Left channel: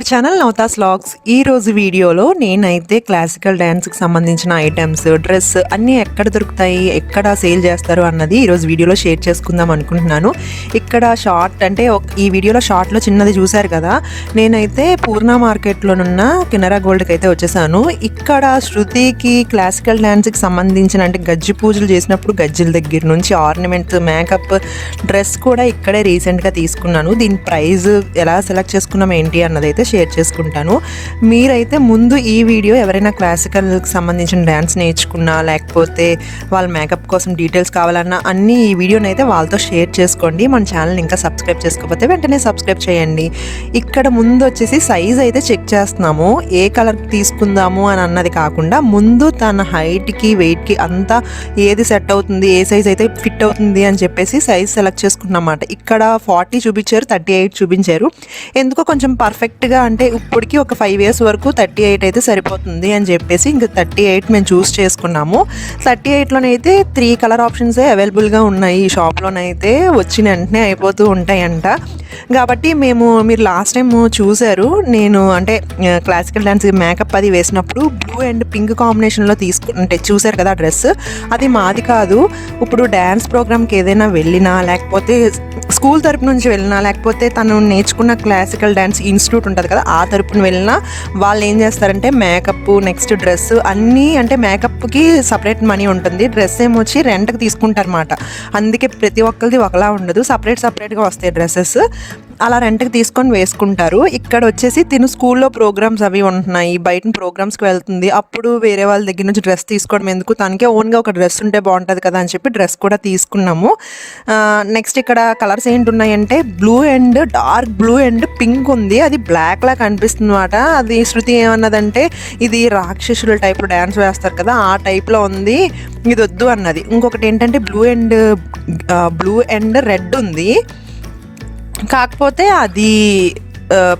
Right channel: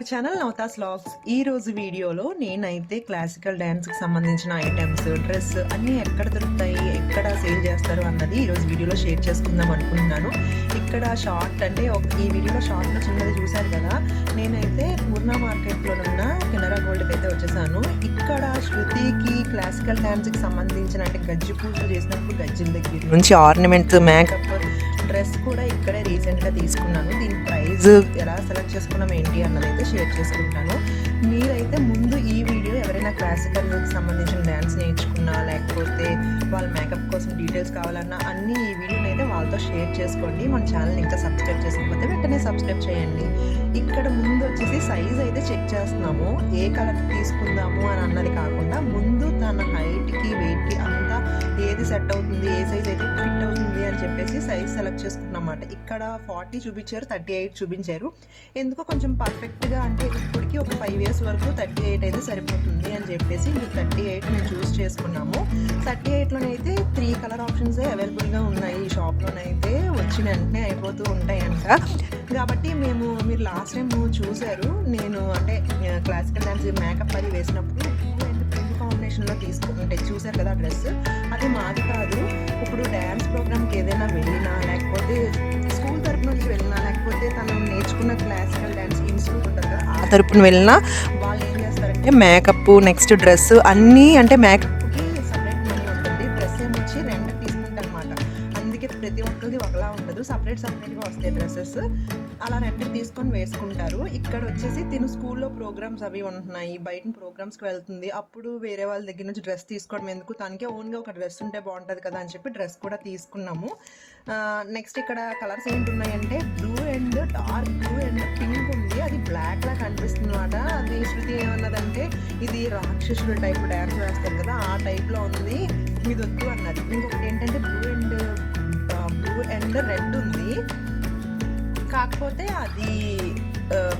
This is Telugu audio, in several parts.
Our channel నవతాస్ vlogs. ఈ రోజు వీడియోలో నేనైతే క్లాసికల్ డ్యాన్స్కి సంబంధించిన ఐటమ్స్, డ్రెస్ అన్నీ ఎక్కడ దొరుకుతాయి, ఎక్కడ సేల్ చేస్తారు అన్నది ఈరోజు వీడియోలో షేర్ చేసుకుందాం అనుకుంటున్నాను. ఇక్కడ షార్ట్ అంటే ఈ వీడియోలో షార్ట్లో చిన్నది చూశారు కదా, నేనైతే పూర్ణ మార్కెట్లోనున్న కెనరా గోల్డ్కి అయితే వచ్చేసాను. ఇక్కడ శృతికి క్లాసికల్ డ్యాన్స్కి సంబంధించిన అంటే గజ్జి పూజలు చేసినప్పుడు గజ్జిల దగ్గర నుంచి ఆర్నమెంట్స్, మేకప్, డ్రెస్ కూడా ఇక్కడే రీసెంట్గా తీసుకున్నాను. దీని ప్రైస్ ఎలా సెలెక్ట్ చేసుకున్నాం ఏంటి అన్నది అయితే షేర్ చేసుకుంటాను. మీరైతే ముందు ఈ వీడియో ఎవరైనా క్లాసికల్కి సంబంధించిన డ్యాన్స్ నేర్చుకున్నా, లేకపోతే వాళ్ళ మేకప్ కోసం డీటెయిల్స్ కావాలన్నా అన్నీ ఈ వీడియోని అయితే వాళ్ళతో షేర్ చేసుకోండి. మన ఛానల్ ఇంకా సబ్స్క్రైబ్ చేసుకోకపోతే వెంటనే సబ్స్క్రైబ్ చేయండి. ఇక్కడ ముందు వచ్చేసి సైజ్ అయితే చెక్ చేస్తున్నాము. ఏ కలర్ తీసుకుందాము అని అన్నది కాకుండా ముందు తన హైట్కి, వెయిట్కి అంతా ఏది సెట్ అవుతుంది, ఏ సైజ్ అయితే ఫిట్ అవుతుంది అని చెప్పేసి సైజ్ సెలెక్ట్ చేసుకున్నమాట. ఇక్కడ 40 చూపించారు, 38 చూపించారు. ఎందుకో కొంచెం పర్ఫెక్ట్గా అంటే ఇప్పటికి ఒక 5 years వరకు 38 అయితే సరిపోతుంది అని చెప్పేసి ఇంకా 38 మేము చూస్ చేసుకున్నాము. 38లోనైతే 3 కలర్ ఆప్షన్సే అవైలబుల్గా ఉన్నాయి. ఈ షాప్లోనైతే వచ్చిన వెంటనే అయిపోతూ ఉంటాయంట. కాబట్టి మీరు లాస్ట్ టైం చూశారు, నేను అంటే క్లాసికల్ డ్యాన్స్ మేకప్ అది వేసినప్పుడు బ్లూ అండ్ పింక్ కాంబినేషన్లో అంటే చూశారు కదా డ్రెస్. అది మాది కాదు. ఇప్పుడు డ్యాన్స్ ప్రోగ్రామ్కి ఏదైనా వెళ్ళినా, లేకపోతే స్కూల్ తరపు నుంచి వెళ్ళినా, లేకపోతే తను నేర్చుకున్న క్లాసికల్ డ్యాన్స్ ఇన్స్టిట్యూట్ ఉంటుంది కదా, ఆ తరపున వెళ్ళినా వాళ్ళు ఏం చేస్తారంటే మేకప్, నెక్స్ట్ డ్రెస్ అన్నీ, అంటే మేకప్కి సపరేట్ మనీ ఉంటుంది, డ్రెస్ ఏమొచ్చి రెంట్కి తీసుకుంటారన్నమాట. అందుకే ప్రతి ఒక్కరిది ఒకలా ఉండదు, సపరేట్గా వస్తాయి డ్రెస్సెస్. అలా రెంట్కి తీసుకొని వేసుకుంటారు. ఇక్కడ వచ్చేసి తిను స్కూల్లో ప్రోగ్రామ్స్ అవి ఉంటున్నాయి, బయట ప్రోగ్రామ్స్కి వెళ్తుంది, అప్పుడు వేరే వాళ్ళ దగ్గర నుంచి డ్రెస్ తీసుకోవడం ఎందుకు, తనకే ఓన్గా ఒక డ్రెస్ ఉంటే బాగుంటుంది కదా అని చెప్పి డ్రెస్ కూడా తీసుకున్నాము. నెక్స్ట్ ఇక్కడ కలర్స్ ఏంటి ఉన్నాయంటే blue and dark blue and pink ఉంది. అది బ్లాక్ లా కనిపిస్తుంది అనమాట. అది శృతి ఏమన్నదంటే ఇది రాక్షసుల టైప్లో డ్యాన్స్ వేస్తారు కదా, ఆ టైప్లో ఉంది, ఇది వద్దు అన్నది. ఇంకొకటి ఏంటంటే బ్లూ అండ్ రెడ్ ఉంది, కాకపోతే అది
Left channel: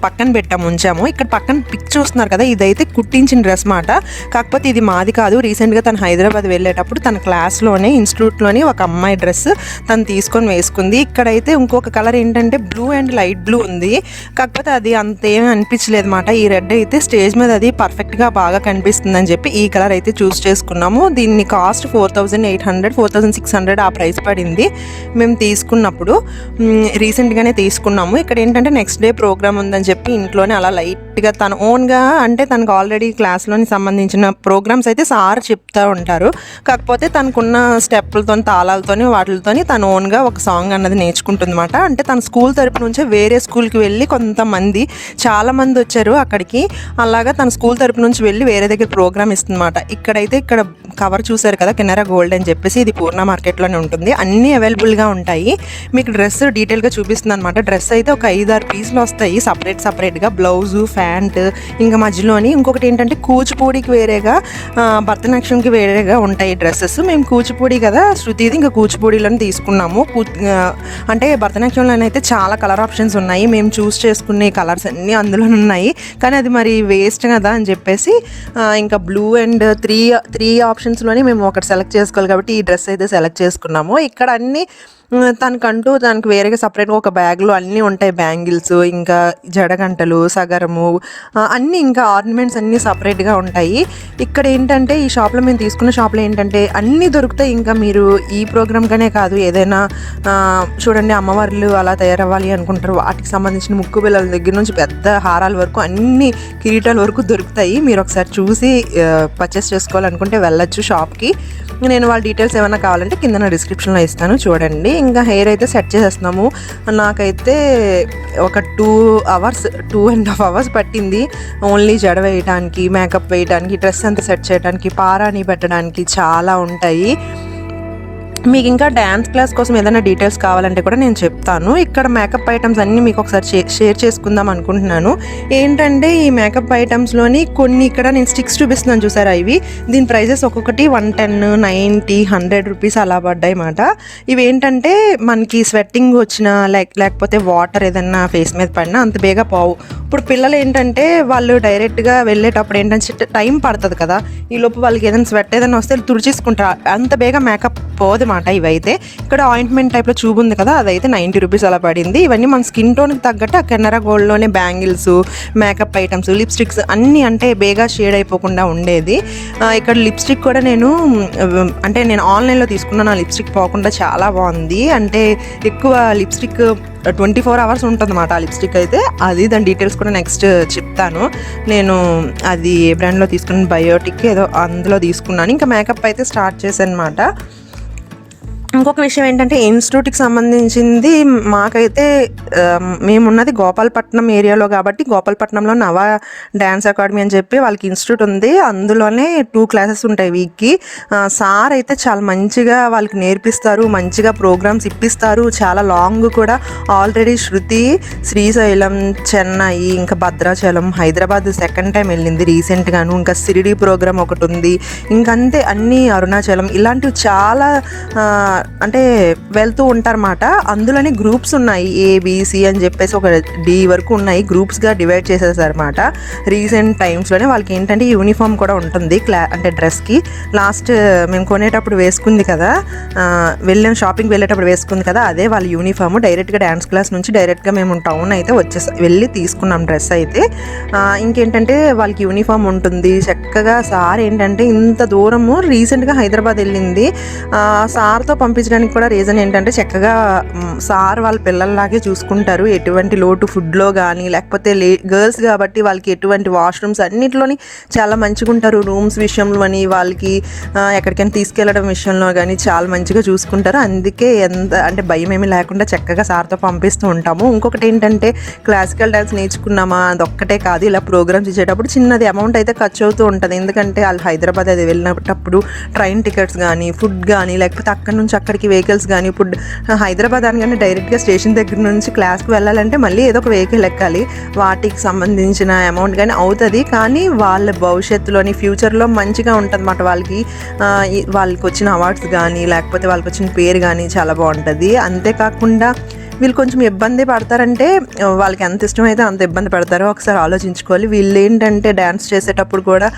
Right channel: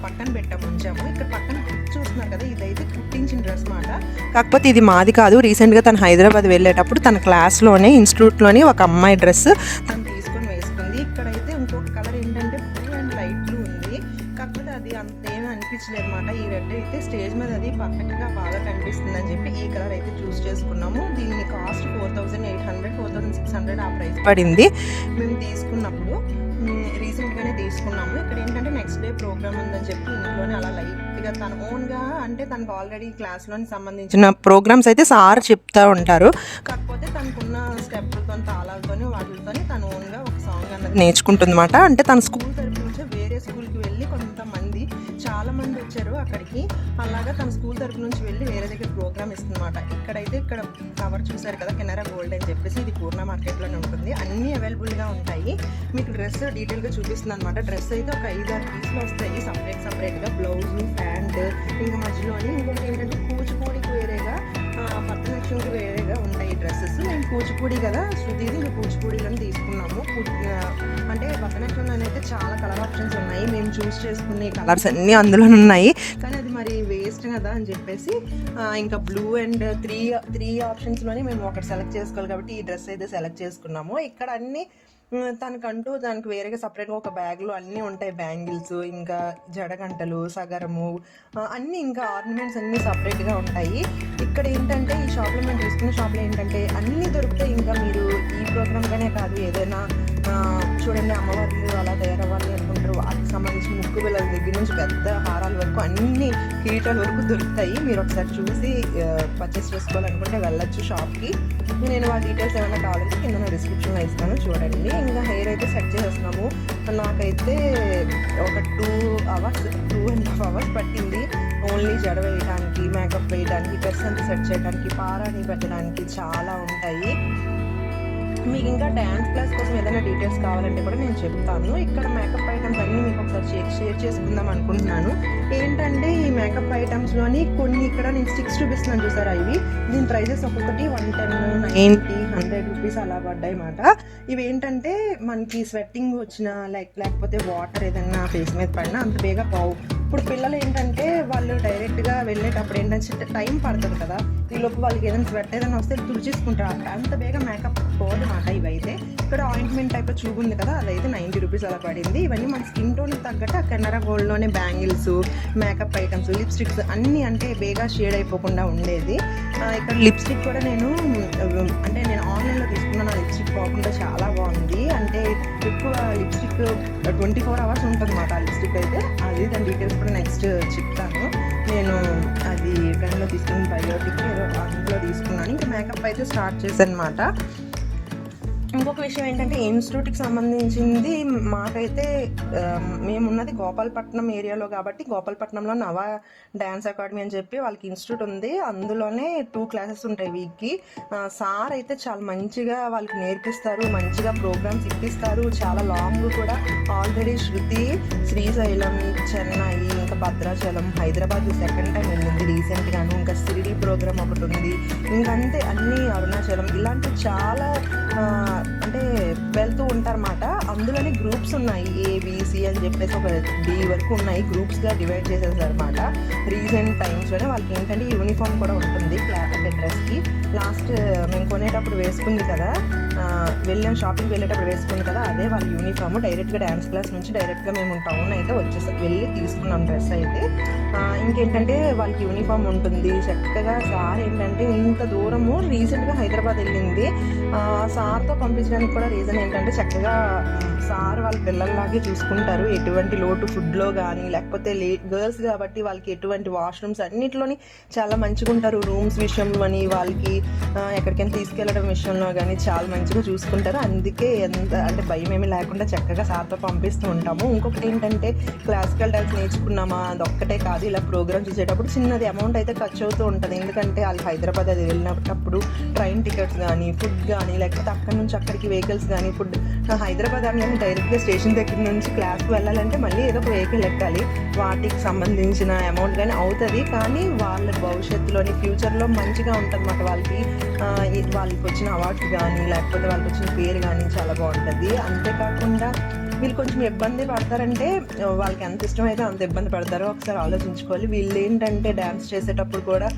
పక్కన ఉంచాము. ఇక్కడ పక్కన పిక్ చూస్తున్నారు కదా, ఇదైతే కుట్టించిన డ్రెస్ మాట. కాకపోతే ఇది మాది కాదు. రీసెంట్గా తను హైదరాబాద్ వెళ్ళేటప్పుడు తన క్లాస్లోనే ఇన్స్టిట్యూట్లోని ఒక అమ్మాయి డ్రెస్ తను తీసుకొని వేసుకుంది. ఇక్కడైతే ఇంకొక కలర్ ఏంటంటే బ్లూ అండ్ లైట్ బ్లూ ఉంది, కాకపోతే అది అంతేమీ అనిపించలేదు అనమాట. ఈ రెడ్ అయితే స్టేజ్ మీద అది పర్ఫెక్ట్గా బాగా కనిపిస్తుందని చెప్పి ఈ కలర్ అయితే చూస్ చేసుకున్నాము. దీన్ని కాస్ట్ 4800, 4600 ఆ ప్రైస్ పడింది మేము తీసుకున్నప్పుడు. రీసెంట్గానే తీసుకున్నాము. ఇక్కడ ఏంటంటే నెక్స్ట్ డే ప్రోగ్రామ్ ఉందని చెప్పి ఇంట్లోనే అలా లైట్గా తన ఓన్గా, అంటే తనకు ఆల్రెడీ క్లాస్లోని సంబంధించిన ప్రోగ్రామ్స్ అయితే సార్ చెప్తూ ఉంటారు, కాకపోతే తనకున్న స్టెప్పులతో, తాళాలతోని, వాటితోని తను ఓన్గా ఒక సాంగ్ అన్నది నేర్చుకుంటుంది అనమాట. అంటే తన స్కూల్ తరపు నుంచే వేరే స్కూల్కి వెళ్ళి చాలామంది వచ్చారు అక్కడికి, అలాగా తన స్కూల్ తరపు నుంచి వెళ్ళి వేరే దగ్గర ప్రోగ్రామ్ ఇస్తుందన్నమాట. ఇక్కడ కవర్ చూసారు కదా, కెనరా గోల్డ్ అని చెప్పేసి, ఇది పూర్ణ మార్కెట్లోనే ఉంటుంది, అన్నీ అవైలబుల్గా ఉంటాయి. మీకు డ్రెస్ డీటెయిల్గా చూపిస్తుంది అనమాట. డ్రెస్ అయితే ఒక 5-6 పీసులు వస్తాయి సపరేట్గా, బ్లౌజు, ప్యాంట్, ఇంకా మధ్యలోని ఇంకొకటి ఏంటంటే కూచిపూడికి వేరేగా, భరతనాట్యంకి వేరేగా ఉంటాయి డ్రెస్సెస్. మేము కూచిపూడి కదా శృతిది, ఇంకా కూచిపూడిలోనే తీసుకున్నాము. అంటే భరతనాట్యంలోనైతే చాలా కలర్ ఆప్షన్స్ ఉన్నాయి, మేము చూస్ చేసుకునే కలర్స్ అన్నీ అందులో ఉన్నాయి, కానీ అది మరి వేస్ట్ కదా అని చెప్పేసి ఇంకా బ్లూ అండ్ త్రీ ఆప్షన్స్లోనే మేము ఒకటి సెలెక్ట్ చేసుకోవాలి కాబట్టి ఈ డ్రెస్ అయితే సెలెక్ట్ చేసుకున్నాము. ఇక్కడ అన్నీ తనకు వేరేగా సపరేట్గా ఒక బ్యాగ్లో అన్నీ ఉంటాయి, బ్యాంగిల్స్, ఇంకా జడగంటలు, సగరము, అన్నీ, ఇంకా ఆర్నమెంట్స్ అన్నీ సపరేట్గా ఉంటాయి. ఇక్కడ ఏంటంటే ఈ షాప్లో మేము తీసుకున్న షాప్లో ఏంటంటే అన్నీ దొరుకుతాయి. ఇంకా మీరు ఈ ప్రోగ్రామ్గానే కాదు, ఏదైనా చూడండి అమ్మవార్లు అలా తయారవ్వాలి అనుకుంటారు, వాటికి సంబంధించిన ముక్కు బిళ్ళల దగ్గర నుంచి పెద్ద హారాల వరకు, అన్ని కిరీటాల వరకు దొరుకుతాయి. మీరు ఒకసారి చూసి పర్చేస్ చేసుకోవాలనుకుంటే వెళ్ళొచ్చు షాప్కి. నేను వాళ్ళ డీటెయిల్స్ ఏమైనా కావాలంటే కింద డిస్క్రిప్షన్లో ఇస్తాను, చూడండి. ఇంకా హెయిర్ అయితే సెట్ చేసేస్తున్నాము. నాకైతే ఒక 2.5 hours పట్టింది ఓన్లీ జడ వేయడానికి, మేకప్ వేయడానికి, డ్రెస్ అంతా సెట్ చేయడానికి, పారాని పెట్టడానికి చాలా ఉంటాయి. మీకు ఇంకా డ్యాన్స్ క్లాస్ కోసం ఏదైనా డీటెయిల్స్ కావాలంటే కూడా నేను చెప్తాను. ఇక్కడ మేకప్ ఐటమ్స్ అన్నీ మీకు ఒకసారి షేర్ చేసుకుందాం అనుకుంటున్నాను. ఏంటంటే ఈ మేకప్ ఐటమ్స్లోని కొన్ని ఇక్కడ నేను స్టిక్స్ చూపిస్తున్నాను చూసారా, దీని ప్రైజెస్ ఒక్కొక్కటి 110, 90, 100 రూపీస్ అలా పడ్డాయి అన్నమాట. ఇవి ఏంటంటే మనకి స్వెట్టింగ్ వచ్చిన లేకపోతే వాటర్ ఏదన్నా ఫేస్ మీద పడినా అంత బేగా ఇప్పుడు పిల్లలు ఏంటంటే వాళ్ళు డైరెక్ట్గా వెళ్ళేటప్పుడు ఏంటంటే టైం పడుతుంది కదా, ఈ లోపు వాళ్ళకి ఏదైనా స్వెట్ ఏదైనా వస్తే తుడిచేసుకుంటారు, అంత బేగా మేకప్ పోదన్నమాట. ఇవైతే ఇక్కడ ఆయింట్మెంట్ టైప్లో ట్యూబ్ ఉంది కదా, అదైతే 90 రూపీస్ అలా పడింది. ఇవన్నీ మన స్కిన్ టోన్కి తగ్గట్టు ఆ కెనరా గోల్డ్లోనే బ్యాంగిల్స్, మేకప్ ఐటమ్స్, లిప్స్టిక్స్ అన్నీ అంటే బేగా షేడ్ అయిపోకుండా ఉండేది. ఇక్కడ లిప్స్టిక్ కూడా నేను ఆన్లైన్లో తీసుకున్నాను. ఆ లిప్స్టిక్ పోకుండా చాలా బాగుంది. అంటే ఎక్కువ లిప్స్టిక్ 24 అవర్స్ ఉంటుంది అన్నమాట ఆ లిప్స్టిక్ అయితే. అది దాని డీటెయిల్స్ కూడా నెక్స్ట్ చెప్తాను. నేను అది ఏ బ్రాండ్లో తీసుకున్నాను, బయోటిక్ ఏదో అందులో తీసుకున్నాను. ఇంకా మేకప్ అయితే స్టార్ట్ చేశాను అనమాట. ఇంకొక విషయం ఏంటంటే ఇన్స్టిట్యూట్కి సంబంధించింది మాకైతే మేమున్నది గోపాలపట్నం ఏరియాలో కాబట్టి గోపాలపట్నంలో నవ డ్యాన్స్ అకాడమీ అని చెప్పి వాళ్ళకి ఇన్స్టిట్యూట్ ఉంది. అందులోనే 2 క్లాసెస్ ఉంటాయి వీక్కి. సార్ అయితే చాలా మంచిగా వాళ్ళకి నేర్పిస్తారు, మంచిగా ప్రోగ్రామ్స్ ఇప్పిస్తారు. చాలా లాంగ్ కూడా ఆల్రెడీ శృతి శ్రీశైలం, చెన్నై, ఇంకా భద్రాచలం, హైదరాబాద్ సెకండ్ టైం వెళ్ళింది రీసెంట్గాను. ఇంకా సిరిడి ప్రోగ్రామ్ ఒకటి ఉంది. ఇంకంతే అన్నీ అరుణాచలం ఇలాంటివి చాలా అంటే వెళ్తూ ఉంటారన్నమాట. అందులోనే గ్రూప్స్ ఉన్నాయి, ఏబిసి అని చెప్పేసి ఒక డి వరకు ఉన్నాయి. గ్రూప్స్గా డివైడ్ చేసేసారన్నమాట. రీసెంట్ టైమ్స్లోనే వాళ్ళకి ఏంటంటే యూనిఫామ్ కూడా ఉంటుంది అంటే డ్రెస్కి. లాస్ట్ మేము కొనేటప్పుడు వేసుకుంది కదా, షాపింగ్కి వెళ్ళేటప్పుడు వేసుకుంది కదా, అదే వాళ్ళ యూనిఫామ్. డైరెక్ట్గా డ్యాన్స్ క్లాస్ నుంచి డైరెక్ట్గా మేము టౌన్ అయితే వెళ్ళి తీసుకున్నాం డ్రెస్ అయితే. ఇంకేంటంటే వాళ్ళకి యూనిఫామ్ ఉంటుంది చక్కగా. సార్ ఏంటంటే ఇంత దూరము రీసెంట్గా హైదరాబాద్ వెళ్ళింది. సార్తో పంపించడానికి కూడా రీజన్ ఏంటంటే చక్కగా సార్ వాళ్ళ పిల్లల్లాగే చూసుకుంటారు. ఎటువంటి లోటు ఫుడ్లో కానీ లేకపోతే గర్ల్స్ కాబట్టి వాళ్ళకి ఎటువంటి వాష్రూమ్స్ అన్నింటిలోని చాలా మంచిగా ఉంటారు. రూమ్స్ విషయంలో అని వాళ్ళకి ఎక్కడికైనా తీసుకెళ్ళడం విషయంలో కానీ చాలా మంచిగా చూసుకుంటారు. అందుకే అంటే భయం ఏమీ లేకుండా చక్కగా సార్తో పంపిస్తూ ఉంటాము. ఇంకొకటి ఏంటంటే క్లాసికల్ డ్యాన్స్ నేర్చుకున్నామా అదొక్కటే కాదు, ఇలా ప్రోగ్రామ్స్ ఇచ్చేటప్పుడు చిన్నది అమౌంట్ అయితే ఖర్చు అవుతూ ఉంటుంది. ఎందుకంటే వాళ్ళు హైదరాబాద్ అది వెళ్ళినప్పుడు ట్రైన్ టికెట్స్ కానీ ఫుడ్ కానీ లేకపోతే అక్కడ నుంచి అక్కడికి వెహికల్స్ కానీ, ఇప్పుడు హైదరాబాద్ అని కానీ డైరెక్ట్గా స్టేషన్ దగ్గర నుంచి క్లాస్కి వెళ్ళాలంటే మళ్ళీ ఏదో ఒక వెహికల్ ఎక్కాలి. వాటికి సంబంధించిన అమౌంట్ కానీ అవుతుంది. కానీ వాళ్ళ భవిష్యత్తులోని ఫ్యూచర్లో మంచిగా ఉంటుంది అన్నమాట. వాళ్ళకి వచ్చిన అవార్డ్స్ కానీ లేకపోతే వాళ్ళకి వచ్చిన పేరు కానీ చాలా బాగుంటుంది. అంతేకాకుండా వీళ్ళు కొంచెం ఇబ్బంది పడతారంటే వాళ్ళకి ఎంత ఇష్టమైతే అంత ఇబ్బంది పడతారో ఒకసారి ఆలోచించుకోవాలి. వీళ్ళు ఏంటంటే డ్యాన్స్ చేసేటప్పుడు కూడా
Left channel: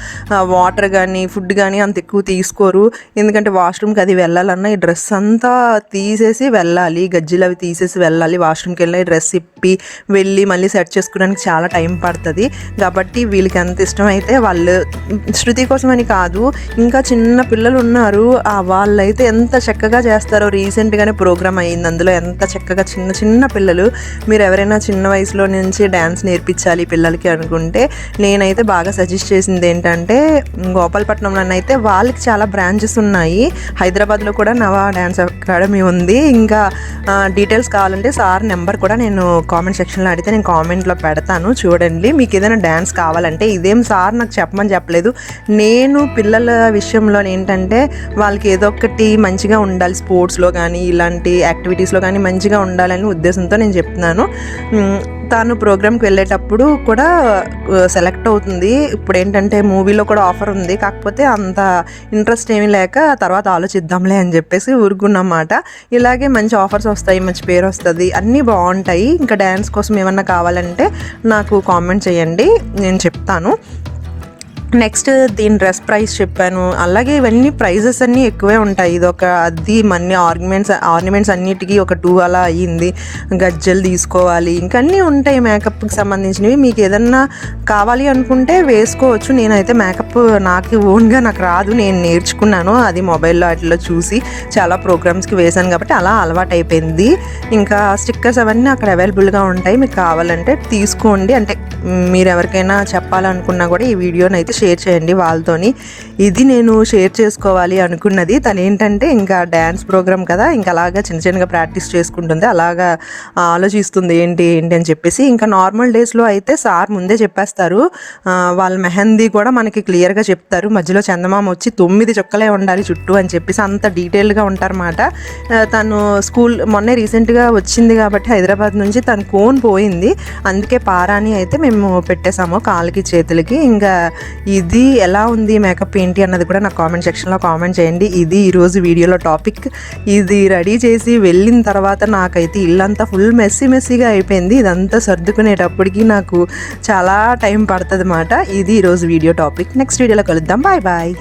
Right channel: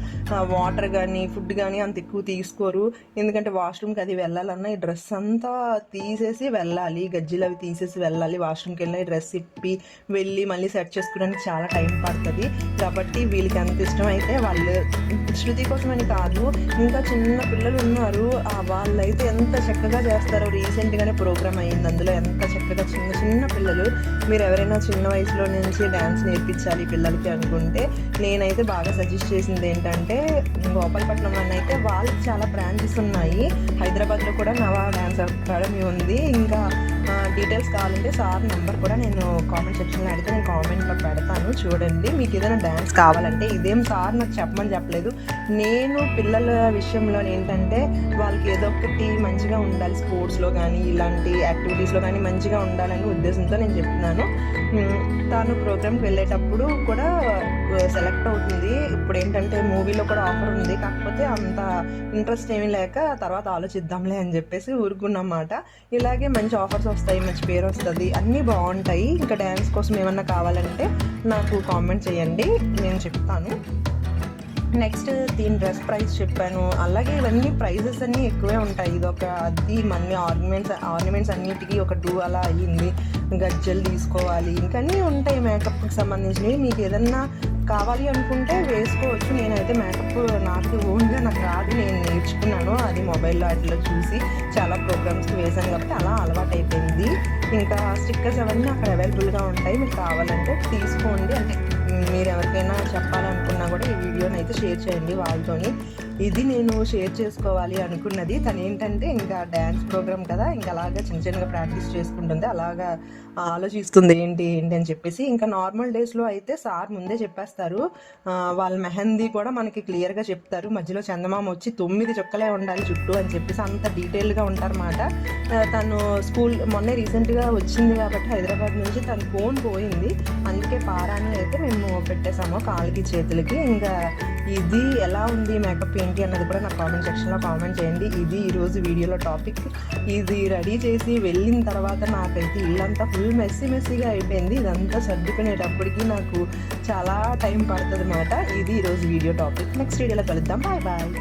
వాటర్ కానీ ఫుడ్ కానీ అంత ఎక్కువ తీసుకోరు. ఎందుకంటే వాష్రూమ్కి అది వెళ్ళాలన్నా ఈ డ్రెస్ అంతా తీసేసి వెళ్ళాలి, గజ్జీలు అవి తీసేసి వెళ్ళాలి. వాష్రూమ్కి వెళ్ళి డ్రెస్ ఇప్పి వెళ్ళి మళ్ళీ సెట్ చేసుకోవడానికి చాలా టైం పడుతుంది. కాబట్టి వీళ్ళకి ఎంత ఇష్టమైతే వాళ్ళు, శృతి కోసమని కాదు ఇంకా చిన్న పిల్లలు ఉన్నారు, వాళ్ళైతే ఎంత చక్కగా చేస్తారో. రీసెంట్గానే ప్రోగ్రామ్ అయ్యింది, అందులో ఎంత చక్కగా చిన్న పిల్లలు. మీరు ఎవరైనా చిన్న వయసులో నుంచి డ్యాన్స్ నేర్పించాలి పిల్లలకి అనుకుంటే నేనైతే బాగా సజెస్ట్ చేసింది ఏంటంటే గోపాలపట్నంలో అయితే వాళ్ళకి చాలా బ్రాంచెస్ ఉన్నాయి. హైదరాబాద్లో కూడా నవ డ్యాన్స్ అకాడమీ ఉంది. ఇంకా డీటెయిల్స్ కావాలంటే సార్ నెంబర్ కూడా నేను కామెంట్ సెక్షన్లో అడిగితే నేను కామెంట్లో పెడతాను, చూడండి. మీకు ఏదైనా డ్యాన్స్ కావాలంటే ఇదేం సార్ నాకు చెప్పమని చెప్పలేదు. నేను పిల్లల విషయంలో ఏంటంటే వాళ్ళకి ఏదో ఒకటి మంచిగా ఉండాలి, స్పోర్ట్స్లో కానీ ఇలాంటి యాక్టివిటీస్లో కానీ మంచిగా ఉండాలని ఉద్దేశంతో నేను చెప్తున్నాను. తాను ప్రోగ్రామ్కి వెళ్ళేటప్పుడు కూడా సెలెక్ట్ అవుతుంది. ఇప్పుడు ఏంటంటే మూవీలో కూడా ఆఫర్ ఉంది, కాకపోతే అంత ఇంట్రెస్ట్ ఏమీ లేక తర్వాత ఆలోచిద్దాంలే అని చెప్పేసి ఊరుకున్నమాట. ఇలాగే మంచి ఆఫర్స్ వస్తాయి, మంచి పేరు వస్తుంది, అన్నీ బాగుంటాయి. ఇంకా డ్యాన్స్ కోసం ఏమన్నా కావాలంటే నాకు కామెంట్ చేయండి, నేను చెప్తాను. నెక్స్ట్ దీని డ్రెస్ ప్రైస్ చెప్పాను. అలాగే ఇవన్నీ ప్రైజెస్ అన్నీ ఎక్కువే ఉంటాయి. ఇది ఒక అది మన్ని ఆర్నమెంట్స్ అన్నిటికీ ఒక 2 అలా అయ్యింది. గజ్జలు తీసుకోవాలి, ఇంకా అన్నీ ఉంటాయి మేకప్కి సంబంధించినవి. మీకు ఏదన్నా కావాలి అనుకుంటే వేసుకోవచ్చు. నేనైతే మేకప్ నాకు ఓన్గా నాకు రాదు, నేను నేర్చుకున్నాను. అది మొబైల్లో వాటిలో చూసి చాలా ప్రోగ్రామ్స్కి వేశాను కాబట్టి అలా అలవాటు అయిపోయింది. ఇంకా స్టిక్కర్స్ అవన్నీ అక్కడ అవైలబుల్గా ఉంటాయి, మీకు కావాలంటే తీసుకోండి. అంటే మీరు ఎవరికైనా చెప్పాలనుకున్నా కూడా ఈ వీడియోని అయితే షేర్ చేయండి వాళ్ళతోని. ఇది నేను షేర్ చేసుకోవాలి అనుకున్నది. తను ఏంటంటే ఇంకా డ్యాన్స్ ప్రోగ్రామ్ కదా, ఇంకా అలాగా చిన్నగా ప్రాక్టీస్ చేసుకుంటుంది, అలాగా ఆలోచిస్తుంది ఏంటి అని చెప్పేసి. ఇంకా నార్మల్ డేస్లో అయితే సార్ ముందే చెప్పేస్తారు, వాళ్ళ మెహందీ కూడా మనకి క్లియర్గా చెప్తారు. మధ్యలో చందమామ వచ్చి 9 చుక్కలే ఉండాలి చుట్టూ అని చెప్పేసి అంత డీటెయిల్గా ఉంటారన్నమాట. తను స్కూల్ మొన్నే రీసెంట్గా వచ్చింది కాబట్టి హైదరాబాద్ నుంచి తన కోన్ పోయింది, అందుకే పారాని అయితే మేము పెట్టేసాము కాళ్ళకి చేతులకి. ఇంకా ఇది ఎలా ఉంది మేకప్ ఏంటి అన్నది కూడా నాకు కామెంట్ సెక్షన్లో కామెంట్ చేయండి. ఇది ఈరోజు వీడియోలో టాపిక్. ఇది రెడీ చేసి వెళ్ళిన తర్వాత నాకైతే ఇల్లంతా ఫుల్ మెస్సీగా అయిపోయింది. ఇదంతా సర్దుకునేటప్పటికి నాకు చాలా టైం పడుతుంది అన్నమాట. ఇది ఈరోజు వీడియో టాపిక్. నెక్స్ట్ వీడియోలో కలుద్దాం. బాయ్.